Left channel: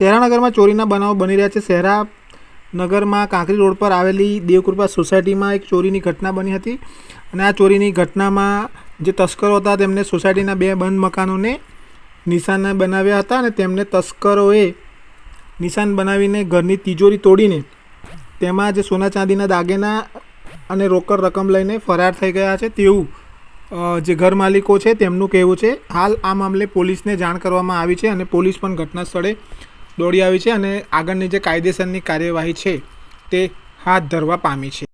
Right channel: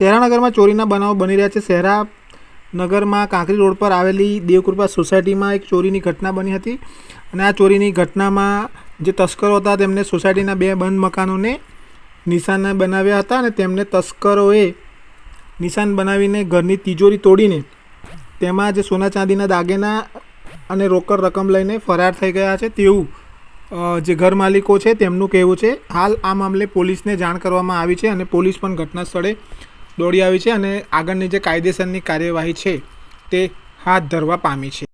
શહેરાનગરમાં ચોરીના બનાવો બની રહ્યા છે। શહેરાનગરમાં કાંકરી રોડ પર આવેલી દેવકૃપા સોસાયટીમાં એક ચોરીની ઘટના બની હતી અને આ ચોરીની ઘટનામાં જે તસ્કરો હતા તેમને સોસાયટીના 2 બંધ મકાનોને નિશાન બનાવ્યા હતા અને તેમને તસ્કરોએ નિશાન બનાવીને ઘરની તિજોરી તોડીને તેમાં જે સોના ચાંદીના દાગીના અને રોકડ રકમ લઈને ફરાર થઈ ગયા છે તેવું જે ઘર માલિકો છે તેમનું કહેવું છે। હાલ આ મામલે પોલીસને જાણ કરવામાં આવી છે અને પોલીસ પણ ઘટના સ્થળે દોડી આવી છે અને આગળની જે કાયદેસરની કાર્યવાહી છે તે હાથ ધરવા પામી છે।